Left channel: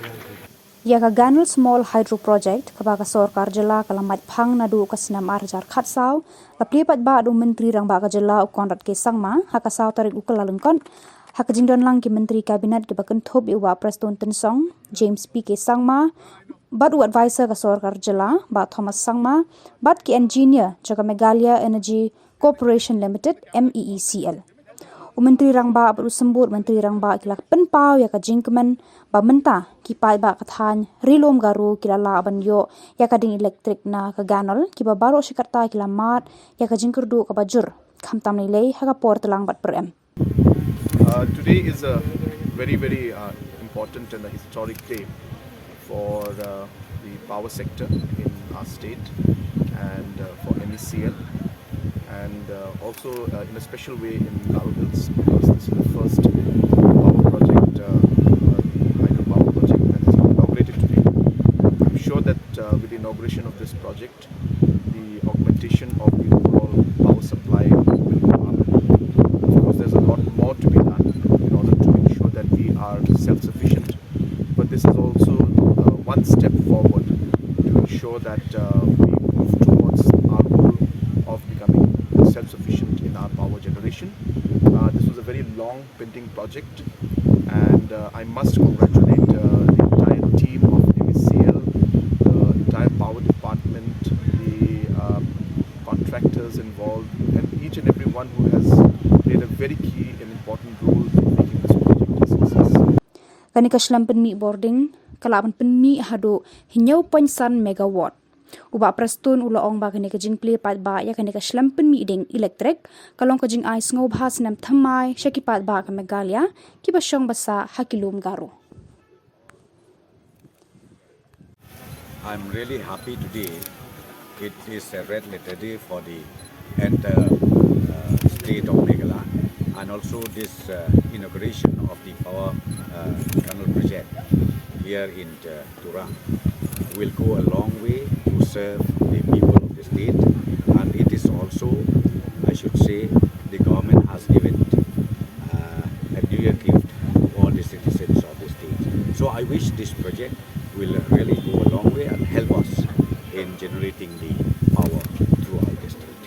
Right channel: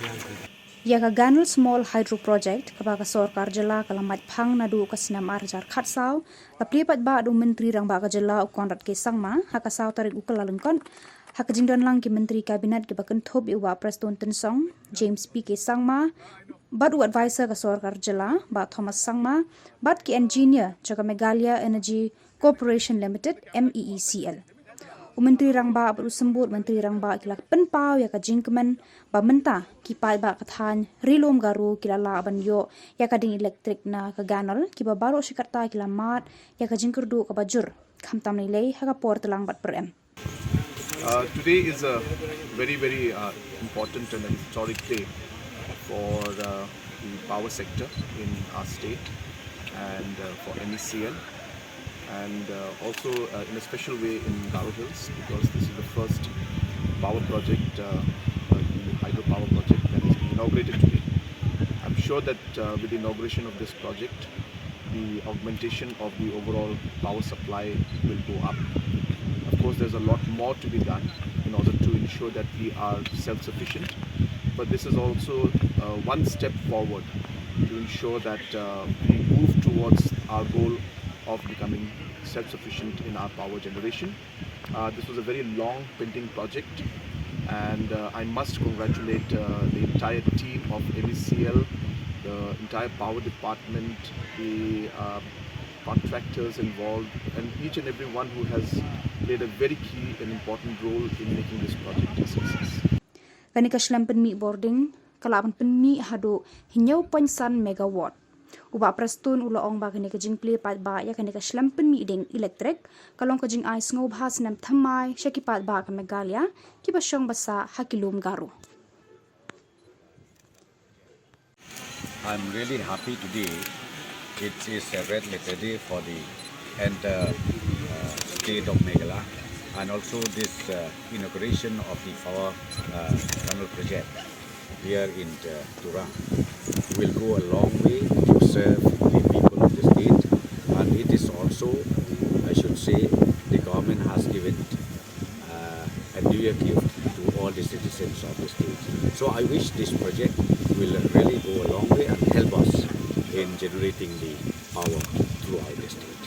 Yaka Ganol Small Hydro Porject kabaga sorkar Jylla kala maitphang naduh ka snem arjar khatsau la Plie Paidbah du Myntri Rangbah ka Jylla Conrad P K Sangma hakasau tarik Kyllalyngkot hak jingdonlang ki Myntri kabinet ki kynthup Bah Prestone Tyngsong James P K Sangma bad advisor ka sorkar Jylla Bah Thomas Sangma bad ki engineer jaga Meghalaya Energy Corporation Limited MeECL. Myntri Rangbah bersembut Myntri Rangbah kila penpau ya ka jingkemen ba menta ki Paidbah kathan rilom garu kila la banyo ya ka ding elektrik na ka ganol ki ba baro shikarta kila mat ya ka jingkerdu ka bajur khamtam nilai ha ka por telang bat per em. Today is a very important and a historic day for the power sector in our state and for MeECL. And also in a special way in Garo Hills, because this is the first power project, hydro power project that has been inaugurated today. I'm sure that with the inauguration of this project, the augmentation of the overall power supply will go up. Of course, there's a lot more to be done in order to ensure that we are self-sufficient. But this is also one step forward to ensure that we move towards our goal of becoming self-sufficient in our power generation. This was a very long pending project, and I must congratulate the entire team of MeECL, the entire power department, the contractors involved, and each and every one who has played a very key and important role in making this project a success. Kanika shlam penmi boarding kalaban penmi hado hinyau pansan megawatt. Bah Prestone ulaong ba kini kajing Plie Paidbah ya kini ka shlam penmi ding elektrik kalong kajing ais ngob has nam thamai syaki Paidbah ka Meghalaya ki basyong basa hakilum garo. I'm really happy today. It is a red letter day for the entire state of Meghalaya, and also this inauguration of the power Ganol project here in Turang will go a long way to serve the people of the state, and it is also, I should say, the government has given a New Year gift to all the citizens of the state. So I wish this project will really go a long way and help us in generating the power throughout the state.